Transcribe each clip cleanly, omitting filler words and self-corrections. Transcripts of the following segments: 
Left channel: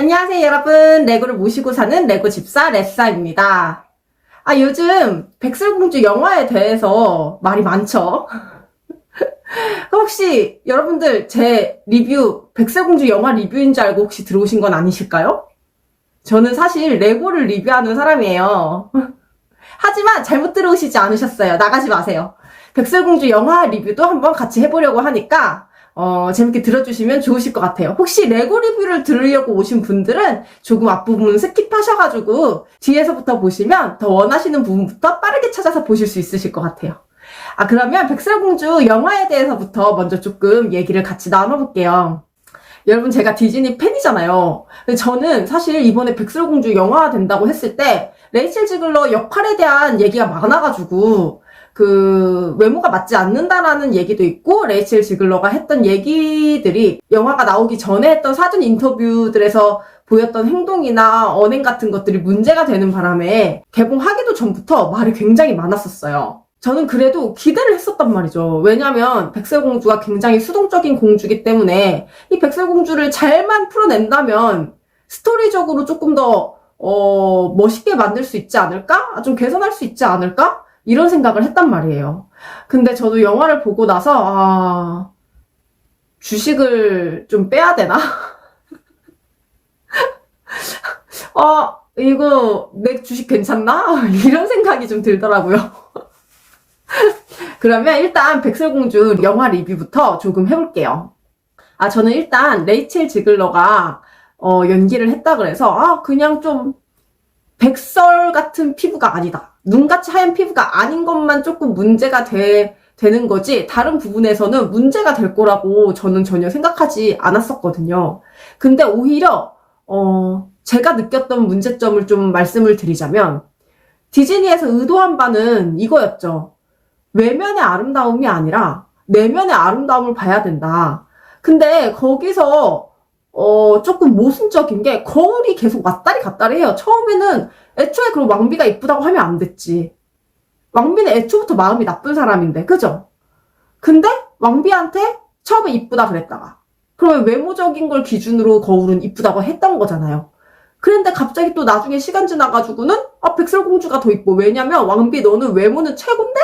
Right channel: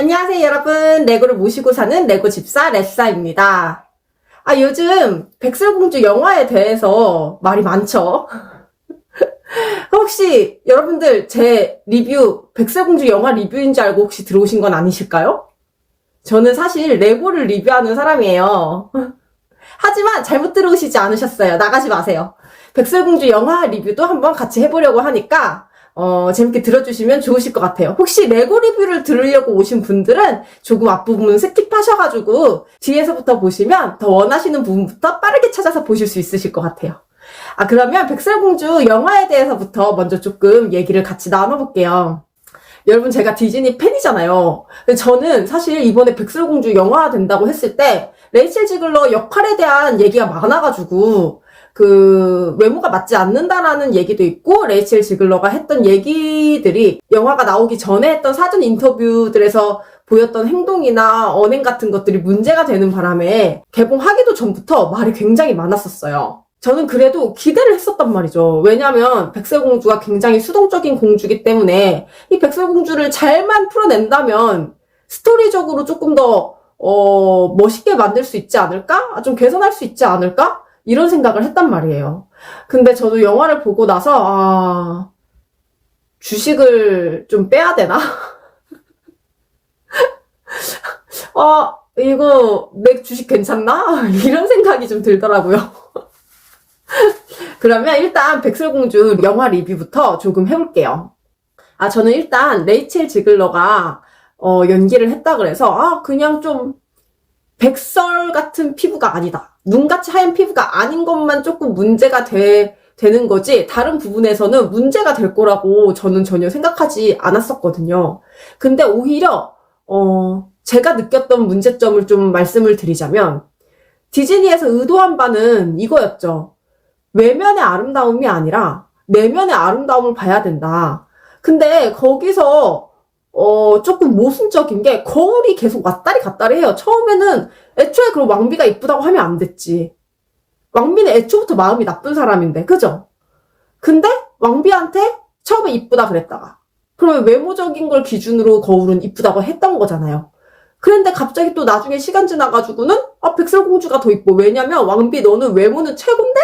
안녕하세요, 여러분. 레고를 모시고 사는 레고 집사 레사입니다. 요즘 백설공주 영화에 대해서 말이 많죠? 혹시 여러분들 제 리뷰, 백설공주 영화 리뷰인 줄 알고 혹시 들어오신 건 아니실까요? 저는 사실 레고를 리뷰하는 사람이에요. 하지만 잘못 들어오시지 않으셨어요. 나가지 마세요. 백설공주 영화 리뷰도 한번 같이 해보려고 하니까 재밌게 들어주시면 좋으실 것 같아요. 혹시 레고 리뷰를 들으려고 오신 분들은 조금 앞부분 스킵하셔가지고 뒤에서부터 보시면 더 원하시는 부분부터 빠르게 찾아서 보실 수 있으실 것 같아요. 그러면 백설공주 영화에 대해서부터 먼저 조금 얘기를 같이 나눠볼게요. 여러분, 제가 디즈니 팬이잖아요. 근데 저는 사실 이번에 백설공주 영화 된다고 했을 때 레이첼 지글러 역할에 대한 얘기가 많아가지고 외모가 맞지 않는다라는 얘기도 있고, 레이첼 지글러가 했던 얘기들이 영화가 나오기 전에 했던 사전 인터뷰들에서 보였던 행동이나 언행 같은 것들이 문제가 되는 바람에 개봉하기도 전부터 말이 굉장히 많았었어요. 저는 그래도 기대를 했었단 말이죠. 왜냐면 백설공주가 굉장히 수동적인 공주이기 때문에 이 백설공주를 잘만 풀어낸다면 스토리적으로 조금 더 멋있게 만들 수 있지 않을까? 좀 개선할 수 있지 않을까? 이런 생각을 했단 말이에요. 근데 저도 영화를 보고 나서 주식을 좀 빼야 되나? 이거 내 주식 괜찮나? 이런 생각이 좀 들더라고요. 그러면 일단 백설공주 영화 리뷰부터 조금 해볼게요. 저는 일단 레이첼 지글러가 연기를 했다 그래서 그냥 좀 백설 같은 피부가 아니다. 눈같이 하얀 피부가 아닌 것만 조금 문제가 되는 거지, 다른 부분에서는 문제가 될 거라고 저는 전혀 생각하지 않았었거든요. 근데 오히려 제가 느꼈던 문제점을 좀 말씀을 드리자면, 디즈니에서 의도한 바는 이거였죠. 외면의 아름다움이 아니라 내면의 아름다움을 봐야 된다. 근데 거기서 조금 모순적인 게, 거울이 계속 왔다리 갔다리 해요. 처음에는 애초에 그럼 왕비가 이쁘다고 하면 안 됐지. 왕비는 애초부터 마음이 나쁜 사람인데, 그죠? 근데 왕비한테 처음에 이쁘다 그랬다가, 그러면 외모적인 걸 기준으로 거울은 이쁘다고 했던 거잖아요. 그런데 갑자기 또 나중에 시간 지나가지고는 백설공주가 더 이뻐. 왜냐면 왕비 너는 외모는 최고인데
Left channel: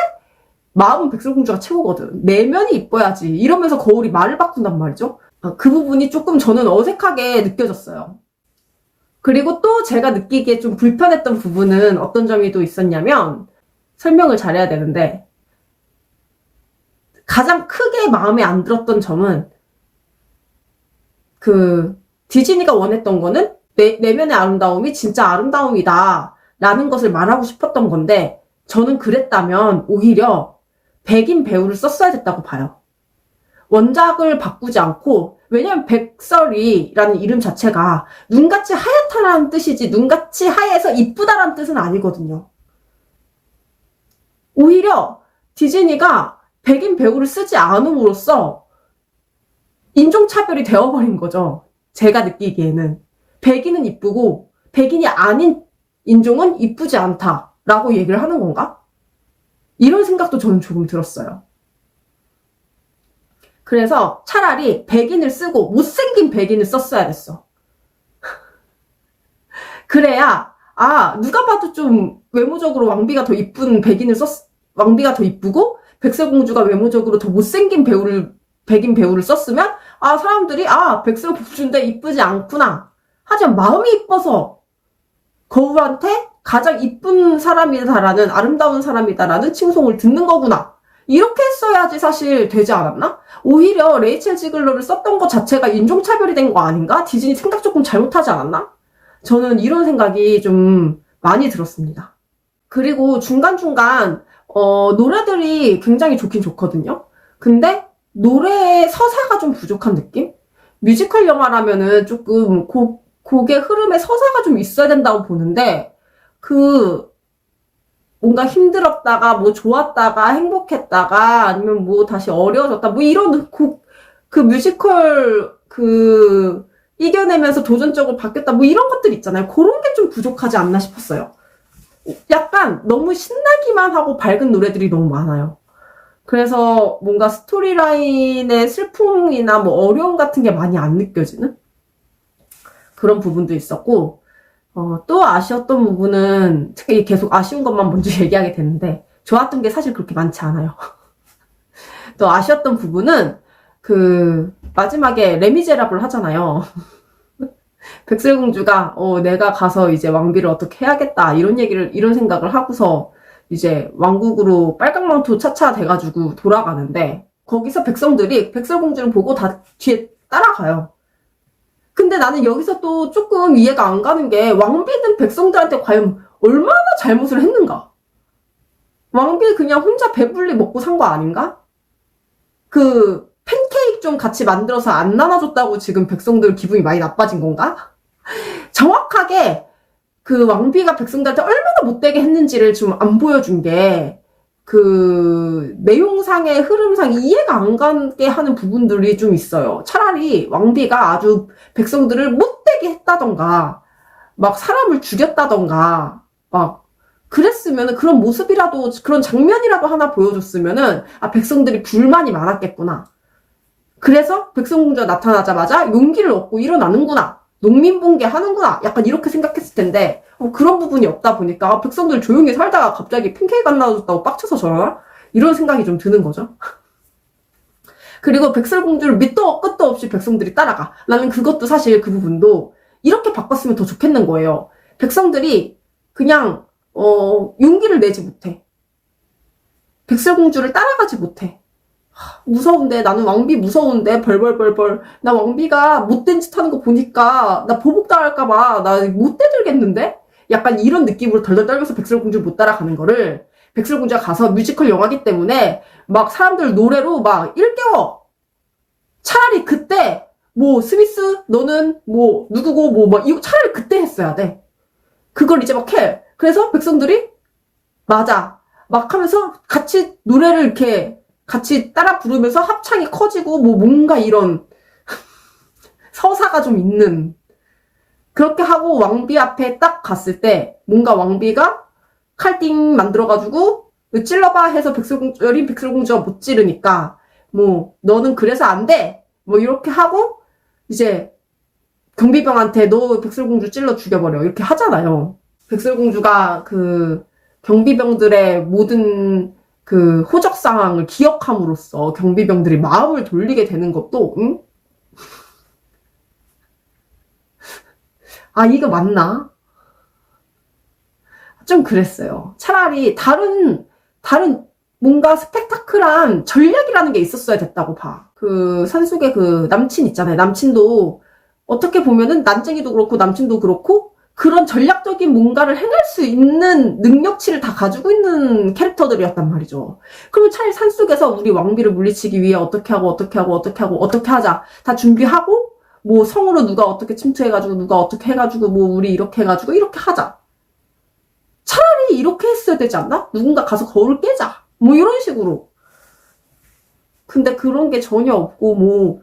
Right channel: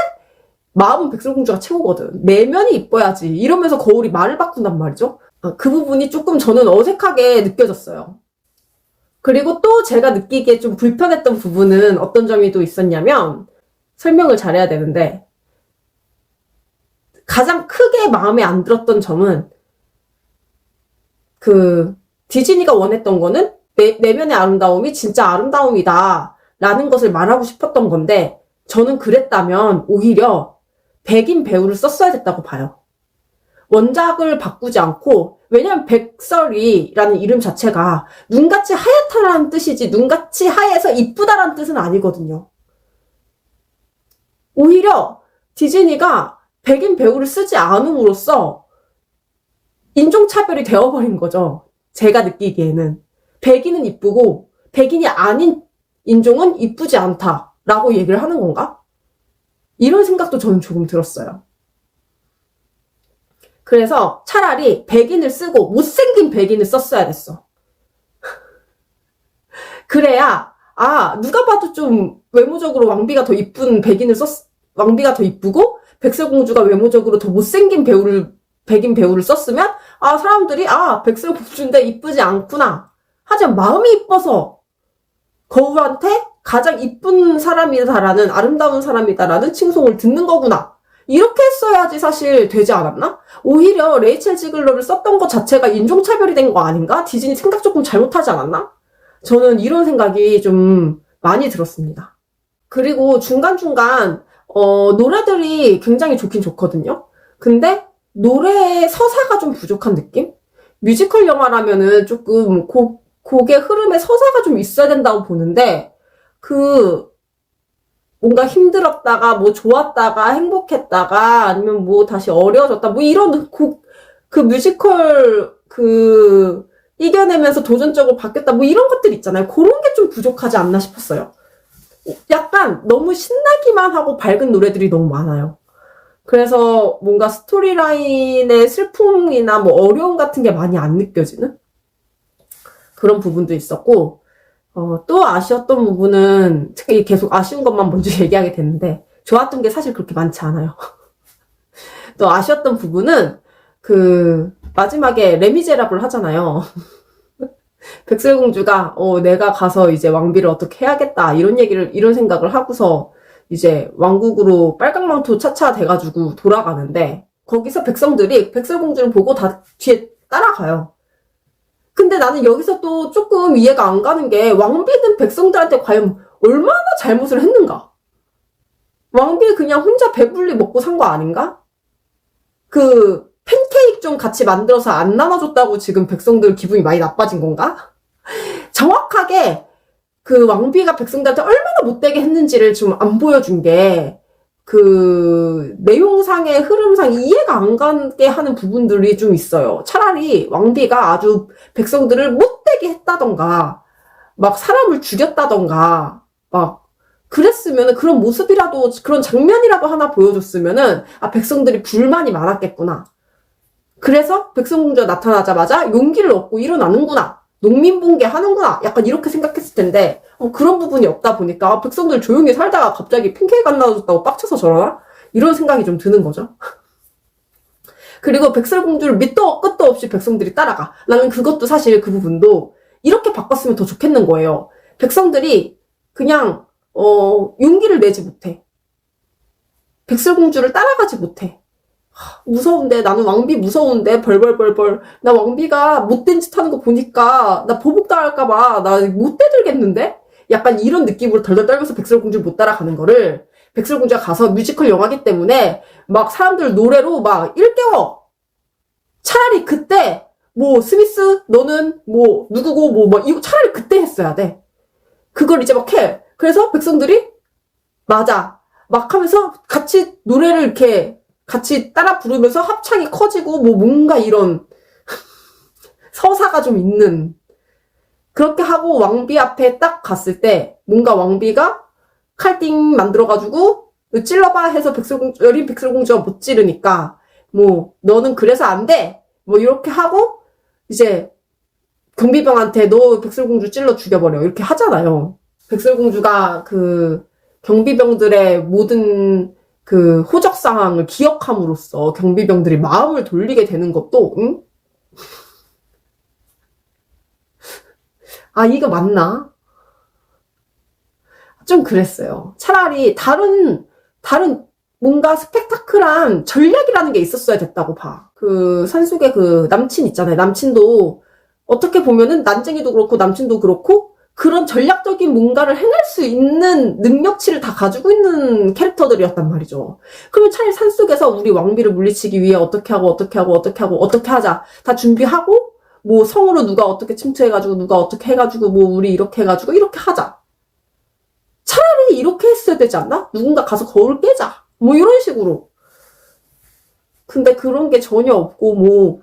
마음은 백설공주가 최고거든. 내면이 이뻐야지. 이러면서 거울이 말을 바꾼단 말이죠. 그 부분이 조금 저는 어색하게 느껴졌어요. 그리고 또 제가 느끼기에 좀 불편했던 부분은 어떤 점이 또 있었냐면, 설명을 잘해야 되는데, 가장 크게 마음에 안 들었던 점은, 디즈니가 원했던 거는 내면의 아름다움이 진짜 아름다움이다 라는 것을 말하고 싶었던 건데, 저는 그랬다면 오히려 백인 배우를 썼어야 됐다고 봐요. 원작을 바꾸지 않고, 왜냐면 백설이라는 이름 자체가 눈같이 하얗다라는 뜻이지 눈같이 하얘서 이쁘다라는 뜻은 아니거든요. 오히려 디즈니가 백인 배우를 쓰지 않음으로써 인종차별이 되어버린 거죠. 제가 느끼기에는 백인은 이쁘고 백인이 아닌 인종은 이쁘지 않다라고 얘기를 하는 건가? 이런 생각도 저는 조금 들었어요. 그래서 차라리 백인을 쓰고 못생긴 백인을 썼어야 됐어. 그래야 누가 봐도 좀 외모적으로 왕비가 더 이쁜 왕비가 더 이쁘고 백설공주가 외모적으로 더 못생긴 백인 배우를 썼으면 사람들이 백설공주인데 이쁘지 않구나. 하지만 마음이 이뻐서 거울한테 가장 이쁜 사람이다라는, 아름다운 사람이다라는 칭송을 듣는 거구나. 이렇게 했어야지 사실 되지 않았나? 오히려 레이첼 지글러를 썼던 것 자체가 인종차별이 된 거 아닌가? 디즈니 생각 조금 잘못하지 않았나? 저는 이런 생각이 좀 많이 들었습니다. 그리고 중간중간 노래들이 굉장히 좋긴 좋거든요. 근데 노래의 서사가 좀 부족한 느낌? 뮤지컬 영화라면은 조금 곡의 흐름에 서사가 좀 있어야 된다고 보는데, 뭔가 힘들었다가 좋았다가 행복했다가 아니면 다시 어려워졌다 이런 뮤지컬 이겨내면서 도전적으로 바뀌었다 이런 것들 있잖아요. 그런 게 좀 부족하지 않나 싶었어요. 약간 너무 신나기만 하고 밝은 노래들이 너무 많아요. 그래서 뭔가 스토리라인의 슬픔이나 어려움 같은 게 많이 안 느껴지는 그런 부분도 있었고, 또 아쉬웠던 부분은, 계속 아쉬운 것만 먼저 얘기하게 됐는데, 좋았던 게 사실 그렇게 많지 않아요. 또 아쉬웠던 부분은, 마지막에 레미제라블 하잖아요. 백설공주가, 내가 가서 이제 왕비를 어떻게 해야겠다, 이런 생각을 하고서, 이제 왕국으로 빨강망토 차차 돼가지고 돌아가는데, 거기서 백성들이 백설공주를 보고 다 뒤에 따라가요. 근데 나는 여기서 또 조금 이해가 안 가는 게 왕비는 백성들한테 과연 얼마나 잘못을 했는가? 왕비 그냥 혼자 배불리 먹고 산 거 아닌가? 팬케이크 좀 같이 만들어서 안 나눠줬다고 지금 백성들 기분이 많이 나빠진 건가? 정확하게 왕비가 백성들한테 얼마나 못되게 했는지를 좀 안 보여준 게 내용상의 흐름상 이해가 안 가게 하는 부분들이 좀 있어요. 차라리 왕비가 아주 백성들을 못되게 했다던가, 막 사람을 죽였다던가, 막, 그랬으면 그런 모습이라도, 그런 장면이라도 하나 보여줬으면은, 백성들이 불만이 많았겠구나. 그래서 백설공주가 나타나자마자 용기를 얻고 일어나는구나. 농민봉개 하는구나. 약간 이렇게 생각했을 텐데, 그런 부분이 없다 보니까, 백성들 조용히 살다가 갑자기 팬케이크 안 나눠줬다고 빡쳐서 저러나? 이런 생각이 좀 드는 거죠. 그리고 백설공주를 밑도 끝도 없이 백성들이 따라가. 나는 그것도 사실 그 부분도 이렇게 바꿨으면 더 좋겠는 거예요. 백성들이 그냥, 용기를 내지 못해. 백설공주를 따라가지 못해. 무서운데, 나는 왕비 무서운데, 벌벌벌벌. 나 왕비가 못된 짓 하는 거 보니까, 나 보복당할까봐, 나 못 대들겠는데? 약간 이런 느낌으로 덜덜 떨면서 백설공주를 못 따라가는 거를, 백설공주가 가서 뮤지컬 영화기 때문에, 막 사람들 노래로 막 일깨워! 차라리 그때, 스미스, 너는 누구고, 이거 차라리 그때 했어야 돼. 그걸 이제 막 해. 그래서 백성들이, 맞아. 막 하면서 같이 노래를 이렇게, 같이 따라 부르면서 합창이 커지고 뭔가 이런 서사가 좀 있는 그렇게 하고 왕비 앞에 딱 갔을 때 뭔가 왕비가 칼띵 만들어가지고 찔러봐 해서 여린 백설공주가 못 찌르니까 너는 그래서 안 돼 이렇게 하고 이제 경비병한테 너 백설공주 찔러 죽여버려 이렇게 하잖아요. 백설공주가 경비병들의 모든 호적 상황을 기억함으로써 경비병들이 마음을 돌리게 되는 것도, 응? 이거 맞나? 좀 그랬어요. 차라리 다른 뭔가 스펙타클한 전략이라는 게 있었어야 됐다고 봐. 산속에 남친 있잖아요. 남친도 어떻게 보면은 난쟁이도 그렇고 남친도 그렇고 그런 전략적인 뭔가를 해낼 수 있는 능력치를 다 가지고 있는 캐릭터들이었단 말이죠. 그러면 차라리 산속에서 우리 왕비를 물리치기 위해 어떻게 하자. 다 준비하고, 성으로 누가 어떻게 침투해가지고, 누가 어떻게 해가지고, 우리 이렇게 해가지고, 이렇게 하자. 차라리 이렇게 했어야 되지 않나? 누군가 가서 거울 깨자. 이런 식으로. 근데 그런 게 전혀 없고,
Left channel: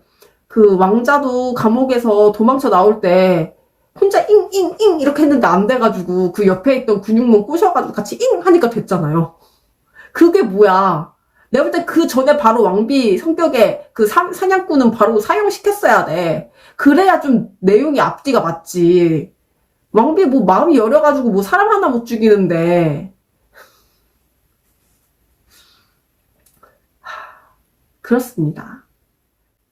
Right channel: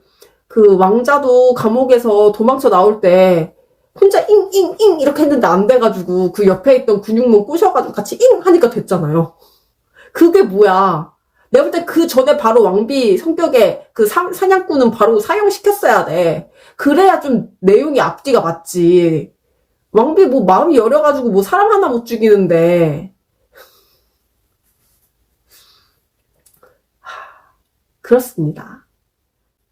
왕자도 감옥에서 도망쳐 나올 때, 혼자 잉잉잉 이렇게 했는데 안 돼가지고 그 옆에 있던 근육문 꼬셔가지고 같이 잉 하니까 됐잖아요. 그게 뭐야. 내가 볼 땐 그 전에 바로 왕비 성격에 사냥꾼은 바로 사형시켰어야 돼. 그래야 좀 내용이 앞뒤가 맞지. 왕비 마음이 여려가지고 사람 하나 못 죽이는데. 그렇습니다.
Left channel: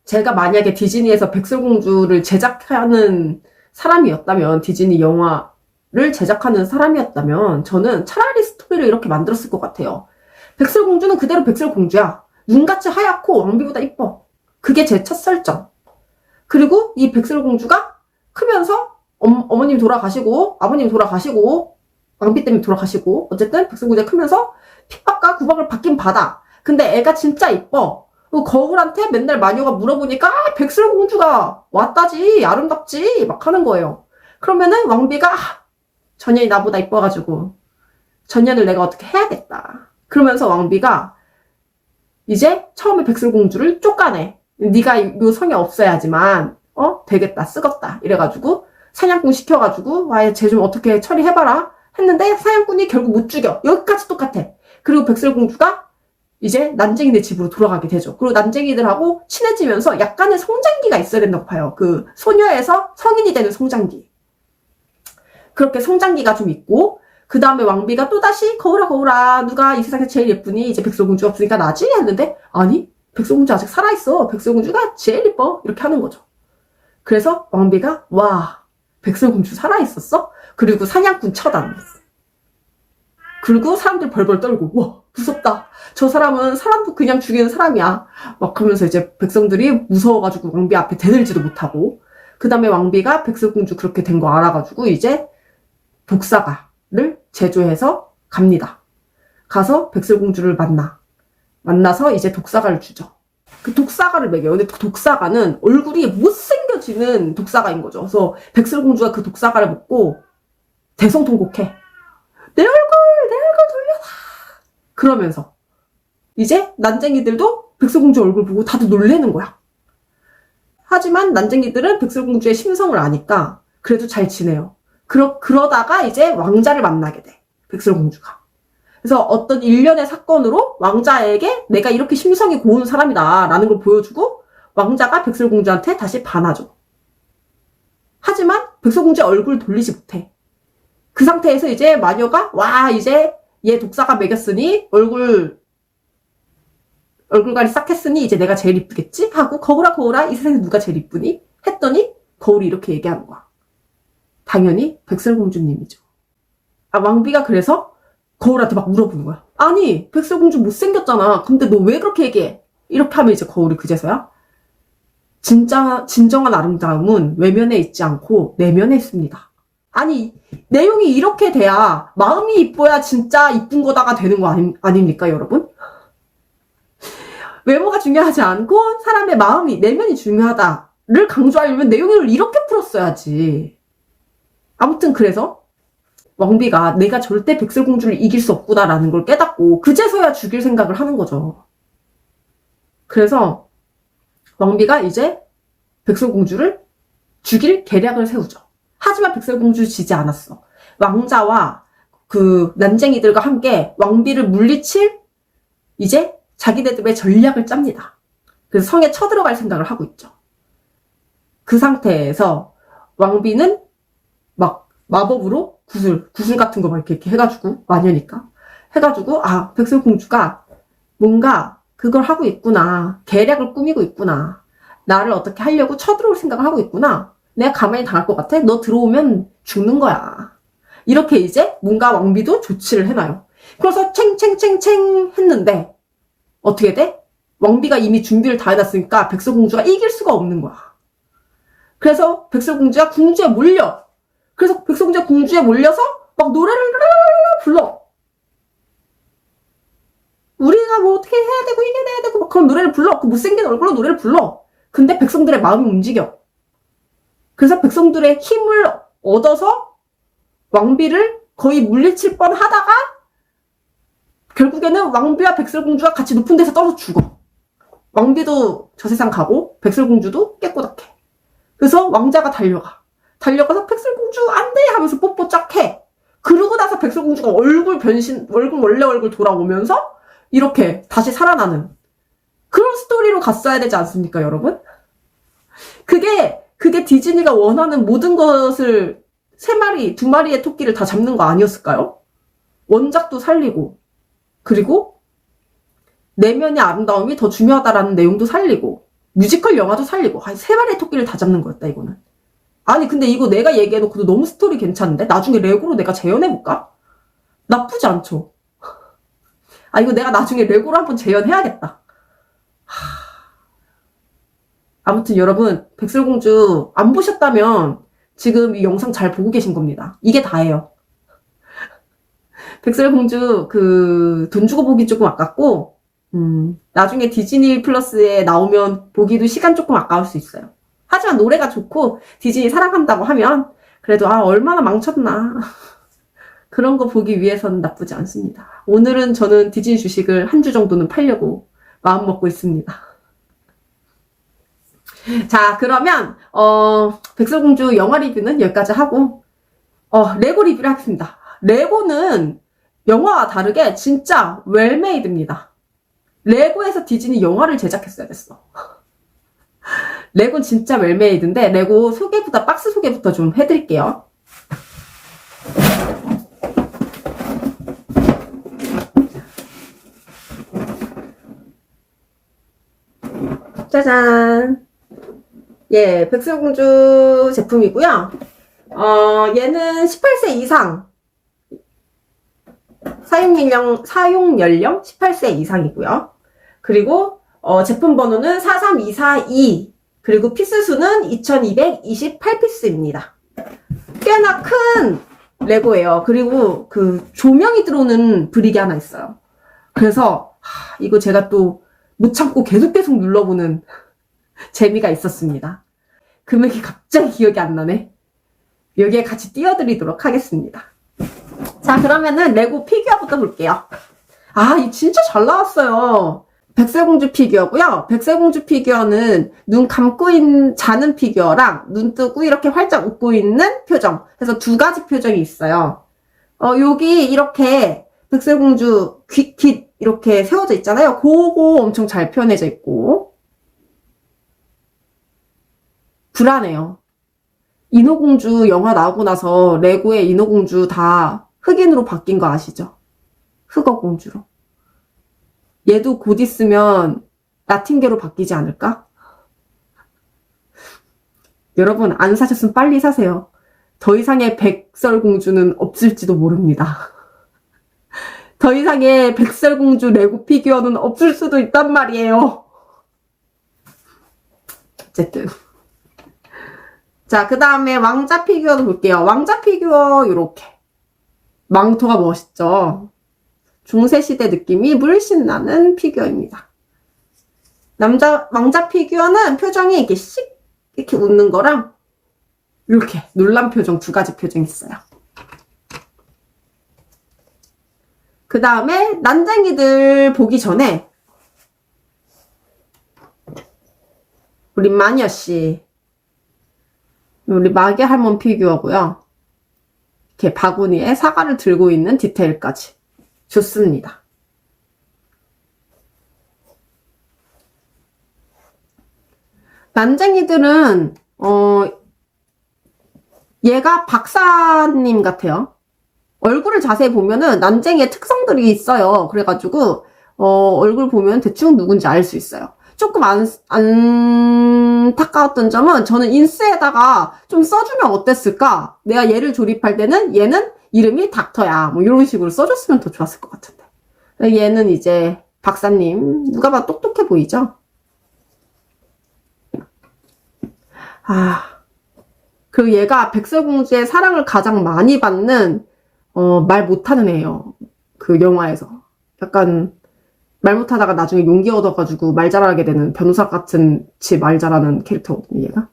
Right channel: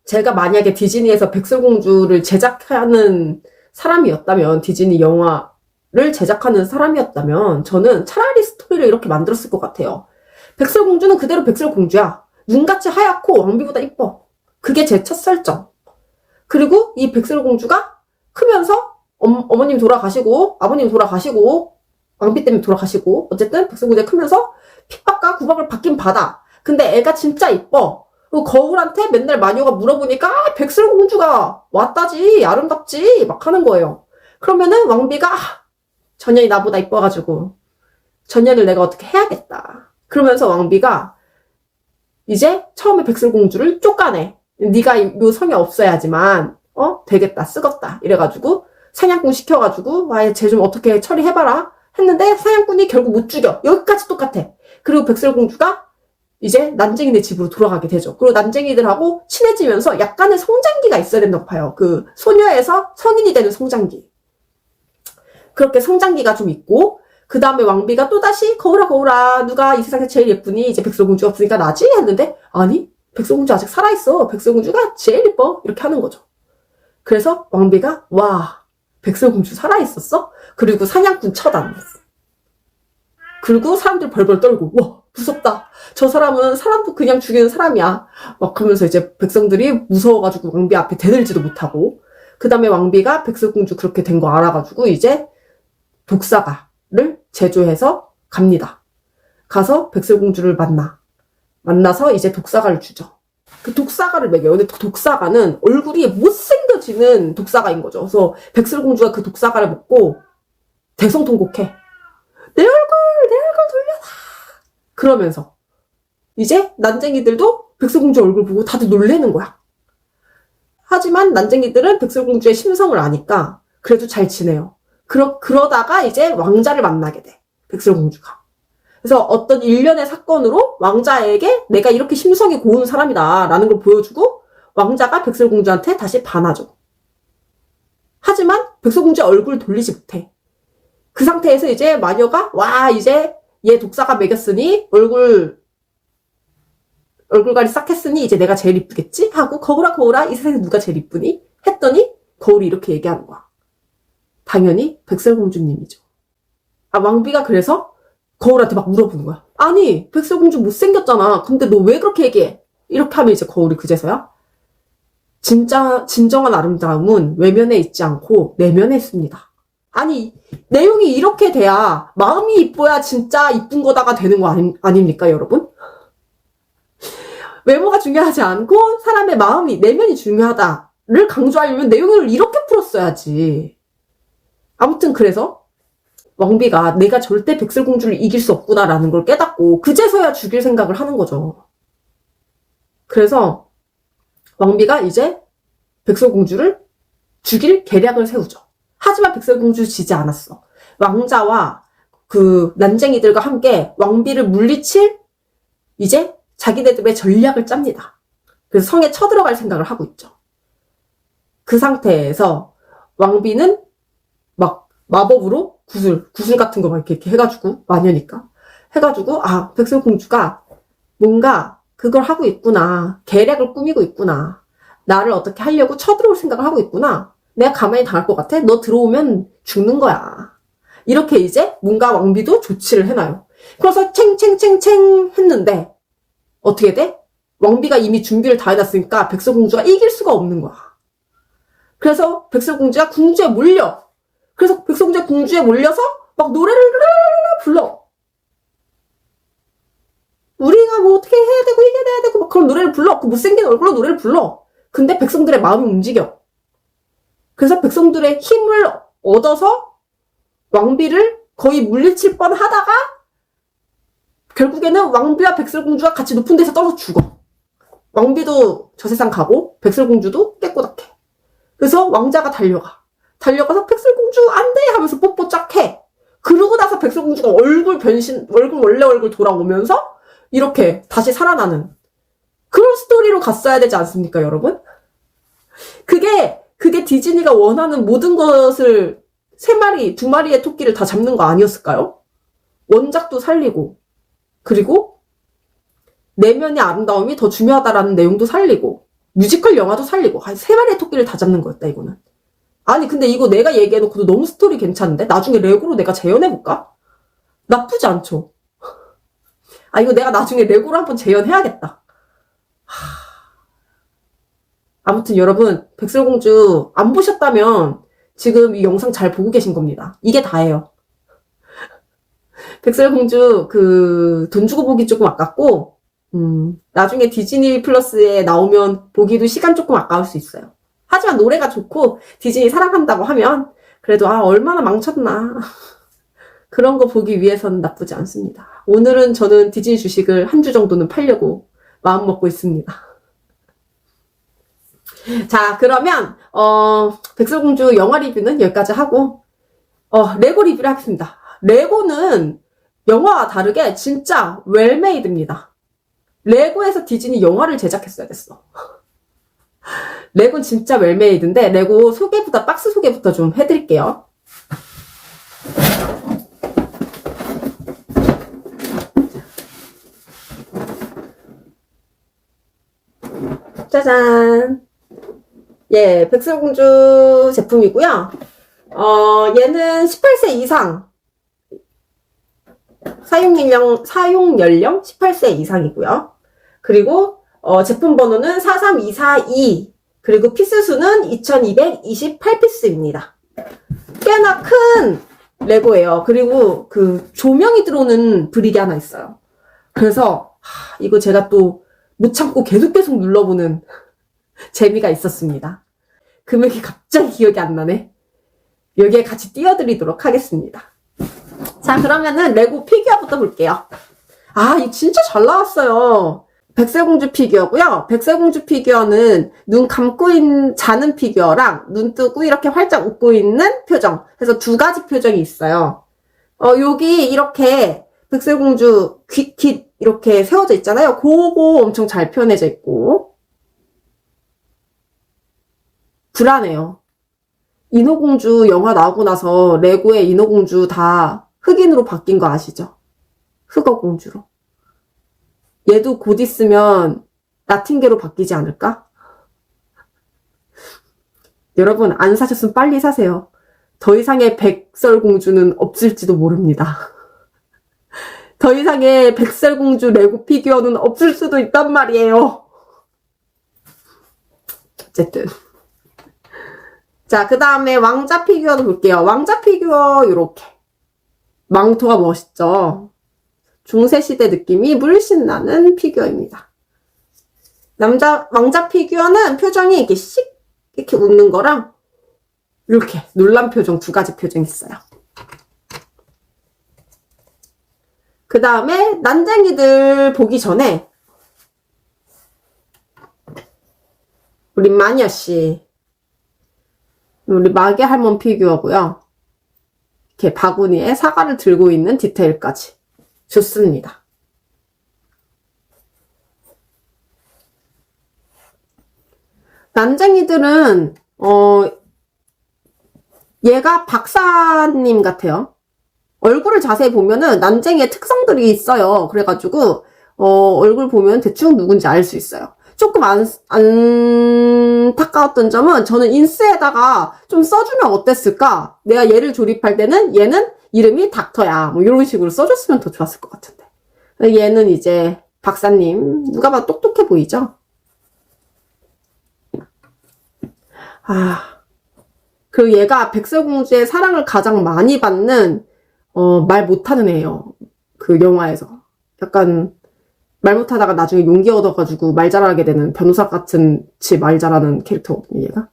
제가 만약에 디즈니에서 백설공주를 제작하는 사람이었다면, 디즈니 영화를 제작하는 사람이었다면 저는 차라리 스토리를 이렇게 만들었을 것 같아요. 백설공주는 그대로 백설공주야. 눈같이 하얗고 왕비보다 이뻐. 그게 제 첫 설정. 그리고 이 백설공주가 크면서 어머님 돌아가시고 아버님 돌아가시고 왕비 때문에 돌아가시고 어쨌든 백설공주가 크면서 핍박과 구박을 받긴 받아. 근데 애가 진짜 이뻐. 거울한테 맨날 마녀가 물어보니까 백설공주가 왔다지 아름답지 막 하는 거예요. 그러면은 왕비가 전년이 나보다 이뻐가지고 전년을 내가 어떻게 해야겠다. 그러면서 왕비가 이제 처음에 백설공주를 쫓아내. 네가 이 성이 없어야지만 되겠다 쓰겄다 이래가지고 사냥꾼 시켜가지고 쟤 좀 어떻게 처리해봐라 했는데 사냥꾼이 결국 못 죽여. 여기까지 똑같아. 그리고 백설공주가 이제 난쟁이네 집으로 돌아가게 되죠. 그리고 난쟁이들하고 친해지면서 약간의 성장기가 있어야 된다고 봐요. 그 소녀에서 성인이 되는 성장기. 그렇게 성장기가 좀 있고, 그 다음에 왕비가 또다시 거울아 누가 이 세상에서 제일 예쁘니? 이제 백설공주가 없으니까 나지? 했는데 아니 백설공주 아직 살아있어. 백설공주가 제일 예뻐. 이렇게 하는 거죠. 그래서 왕비가 와 백설공주 살아있었어? 그리고 사냥꾼 처단했어. 그리고 사람들이 벌벌 떨고 와 무섭다. 저 사람은 사람도 그냥 죽이는 사람이야. 막 하면서 이제 백성들이 무서워가지고 왕비 앞에 대들지도 못하고, 그 다음에 왕비가 백설공주 그렇게 된 거 알아가지고 이제 독사가를 제조해서 갑니다. 가서 백설공주를 만나서 이제 독사가를 주죠. 그 독사가를 먹여요. 근데 독사가는 얼굴이 못생겨지는 독사가인 거죠. 그래서 백설공주가 그 독사가를 먹고 대성통곡해. 내 얼굴 돌려라. 그러면서 이제 난쟁이들도 백설공주 얼굴 보고 다들 놀래는 거야. 하지만 난쟁이들은 백설공주의 심성을 아니까 그래도 잘 지내요. 그러다가 이제 왕자를 만나게 돼. 백설공주가. 그래서 어떤 일련의 사건으로 왕자에게 내가 이렇게 심성이 고운 사람이다 라는 걸 보여주고 왕자가 백설공주한테 다시 반하죠. 하지만 백설공주의 얼굴을 돌리지 못해. 그 상태에서 이제 마녀가 와 이제 얘 독사가 먹였으니 얼굴관이 싹 했으니 이제 내가 제일 이쁘겠지? 하고 거울아 이 세상에서 누가 제일 이쁘니? 했더니 거울이 이렇게 얘기하는 거야. 당연히 백설공주님이죠. 왕비가 그래서 거울한테 막 물어보는 거야. 아니 백설공주 못생겼잖아. 근데 너 왜 그렇게 얘기해? 이렇게 하면 이제 거울이 그제서야 진정한 아름다움은 외면에 있지 않고 내면에 있습니다. 아니 내용이 이렇게 돼야 마음이 이뻐야 진짜 이쁜 거다가 되는 거 아닙니까 여러분? 외모가 중요하지 않고 사람의 마음이 내면이 중요하다를 강조하려면 내용을 이렇게 풀었어야지. 아무튼 그래서 왕비가 내가 절대 백설공주를 이길 수 없구나라는 걸 깨닫고 그제서야 죽일 생각을 하는 거죠. 그래서 왕비가 이제 백설공주를 죽일 계략을 세우죠. 하지만 백설공주 지지 않았어. 왕자와 그 난쟁이들과 함께 왕비를 물리칠 이제 자기네들의 전략을 짭니다. 그래서 성에 쳐들어갈 생각을 하고 있죠. 그 상태에서 왕비는 막 마법으로 구슬 같은 거 이렇게 해가지고 마녀니까 해가지고 백설공주가 뭔가 그걸 하고 있구나. 계략을 꾸미고 있구나. 나를 어떻게 하려고 쳐들어올 생각을 하고 있구나. 내가 가만히 당할 것 같아? 너 들어오면 죽는 거야. 이렇게 이제 뭔가 왕비도 조치를 해놔요. 그래서 챙챙챙챙 했는데 어떻게 돼? 왕비가 이미 준비를 다 해놨으니까 백설공주가 이길 수가 없는 거야. 그래서 백설공주가 궁주에 몰려. 그래서 백설공주가 궁주에 몰려서 막 노래를 불러. 우리가 뭐 어떻게 해야 되고 이겨내야 되고 막 그런 노래를 불러. 그 못생긴 얼굴로 노래를 불러. 근데 백성들의 마음이 움직여. 그래서 백성들의 힘을 얻어서 왕비를 거의 물리칠 뻔 하다가 결국에는 왕비와 백설공주가 같이 높은 데서 떨어져 죽어. 왕비도 저 세상 가고 백설공주도 깨꼬닥해. 그래서 왕자가 달려가서 백설공주 안 돼! 하면서 뽀뽀 쫙 해. 그러고 나서 백설공주가 원래 얼굴 돌아오면서 이렇게 다시 살아나는 그런 스토리로 갔어야 되지 않습니까, 여러분? 그게 디즈니가 원하는 모든 것을 3마리, 2마리의 토끼를 다 잡는 거 아니었을까요? 원작도 살리고, 그리고 내면의 아름다움이 더 중요하다라는 내용도 살리고, 뮤지컬 영화도 살리고, 3마리의 토끼를 다 잡는 거였다, 이거는. 아니, 근데 이거 내가 얘기해놓고도 너무 스토리 괜찮은데? 나중에 레고로 내가 재현해볼까? 나쁘지 않죠? 이거 내가 나중에 레고로 한번 재현해야겠다. 아무튼 여러분, 백설공주 안 보셨다면 지금 이 영상 잘 보고 계신 겁니다. 이게 다예요. 백설공주 돈 주고 보기 조금 아깝고 나중에 디즈니 플러스에 나오면 보기도 시간 조금 아까울 수 있어요. 하지만 노래가 좋고 디즈니 사랑한다고 하면 그래도 얼마나 망쳤나 그런 거 보기 위해서는 나쁘지 않습니다. 오늘은 저는 디즈니 주식을 한 주 정도는 팔려고 마음 먹고 있습니다. 자, 그러면 백설공주 영화 리뷰는 여기까지 하고 레고 리뷰를 하겠습니다. 레고는 영화와 다르게 진짜 웰메이드입니다. 레고에서 디즈니 영화를 제작했어야 됐어. 레고는 진짜 웰메이드인데 레고 소개부터 박스 소개부터 좀 해드릴게요. 짜잔. 예, 백설공주 제품이고요. 얘는 18세 이상. 사용 연령 18세 이상이고요. 그리고 제품 번호는 43242. 그리고 피스 수는 2228피스입니다. 꽤나 큰 레고예요. 그리고 그 조명이 들어오는 브릭이 하나 있어요. 그래서 이거 제가 또 못 참고 계속 눌러보는 재미가 있었습니다. 금액이 갑자기 기억이 안 나네. 여기에 같이 띄워드리도록 하겠습니다. 자, 그러면은 레고 피규어부터 볼게요. 이거 진짜 잘 나왔어요. 백설공주 피규어고요. 백설공주 피규어는 눈 감고 자는 피규어랑 눈 뜨고 이렇게 활짝 웃고 있는 표정. 그래서 두 가지 표정이 있어요. 여기 이렇게 백설공주 귀 이렇게 세워져 있잖아요. 그거 엄청 잘 표현해져 있고. 불안해요. 인어공주 영화 나오고 나서 레고의 인어공주 다 흑인으로 바뀐 거 아시죠? 흑어공주로. 얘도 곧 있으면 라틴계로 바뀌지 않을까? 여러분 안 사셨으면 빨리 사세요. 더 이상의 백설공주는 없을지도 모릅니다. 더 이상의 백설공주 레고 피규어는 없을 수도 있단 말이에요. 어쨌든. 자, 그 다음에 왕자 피규어도 볼게요. 왕자 피규어 요렇게. 망토가 멋있죠? 중세시대 느낌이 물씬 나는 피규어입니다. 왕자 피규어는 표정이 이렇게 이렇게 웃는 거랑 이렇게 놀란 표정 두 가지 표정이 있어요. 그 다음에 난쟁이들 보기 전에 우리 마녀씨, 우리 마개 할멈 피규어고요. 이렇게 바구니에 사과를 들고 있는 디테일까지 좋습니다. 난쟁이들은 얘가 박사님 같아요. 얼굴을 자세히 보면은 난쟁이의 특성들이 있어요. 그래가지고 얼굴 보면 대충 누군지 알 수 있어요. 조금 안타까웠던 점은 저는 인스에다가 좀 써주면 어땠을까? 내가 얘를 조립할 때는 얘는 이름이 닥터야. 뭐 이런 식으로 써줬으면 더 좋았을 것 같은데. 얘는 이제 박사님. 누가 봐도 똑똑해 보이죠? 그리고 얘가 백설공주의 사랑을 가장 많이 받는 말 못하는 애예요. 그 영화에서. 약간 말 못하다가 나중에 용기 얻어가지고 말 잘하게 되는 변호사 같은 말 잘하는 캐릭터거든요, 얘가.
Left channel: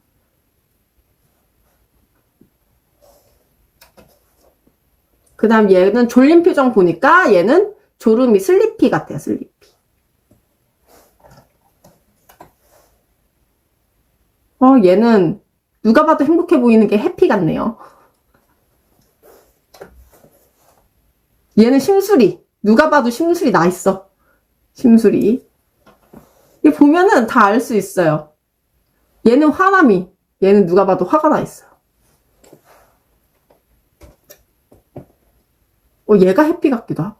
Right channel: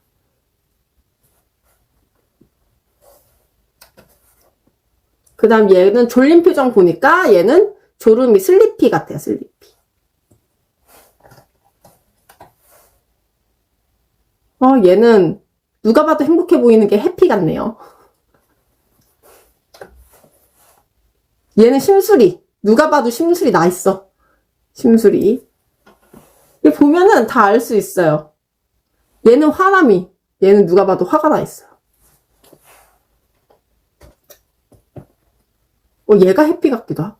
그 다음 얘는 졸린 표정 보니까 얘는 졸음이 슬리피 같아요, 슬리피. 얘는 누가 봐도 행복해 보이는 게 해피 같네요. 얘는 심술이. 누가 봐도 심술이 나 있어. 심술이. 얘 보면은 다 알 수 있어요. 얘는 화남이. 얘는 누가 봐도 화가 나 있어요. 얘가 해피 같기도 하고.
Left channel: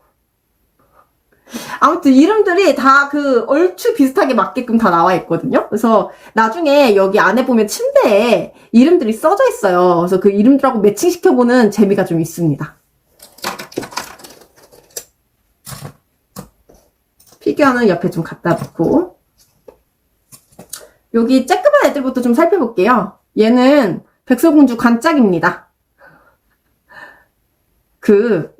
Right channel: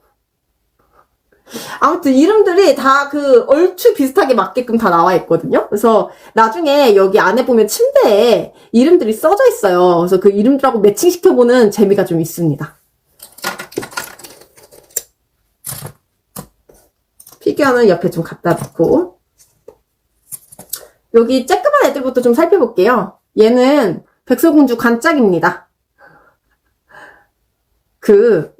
아무튼 이름들이 다 그 얼추 비슷하게 맞게끔 다 나와 있거든요. 그래서 나중에 여기 안에 보면 침대에 이름들이 써져 있어요. 그래서 그 이름들하고 매칭시켜보는 재미가 좀 있습니다. 피규어는 옆에 좀 갖다 놓고 여기 쬐끄만 애들부터 좀 살펴볼게요. 얘는 백설공주 관짝입니다.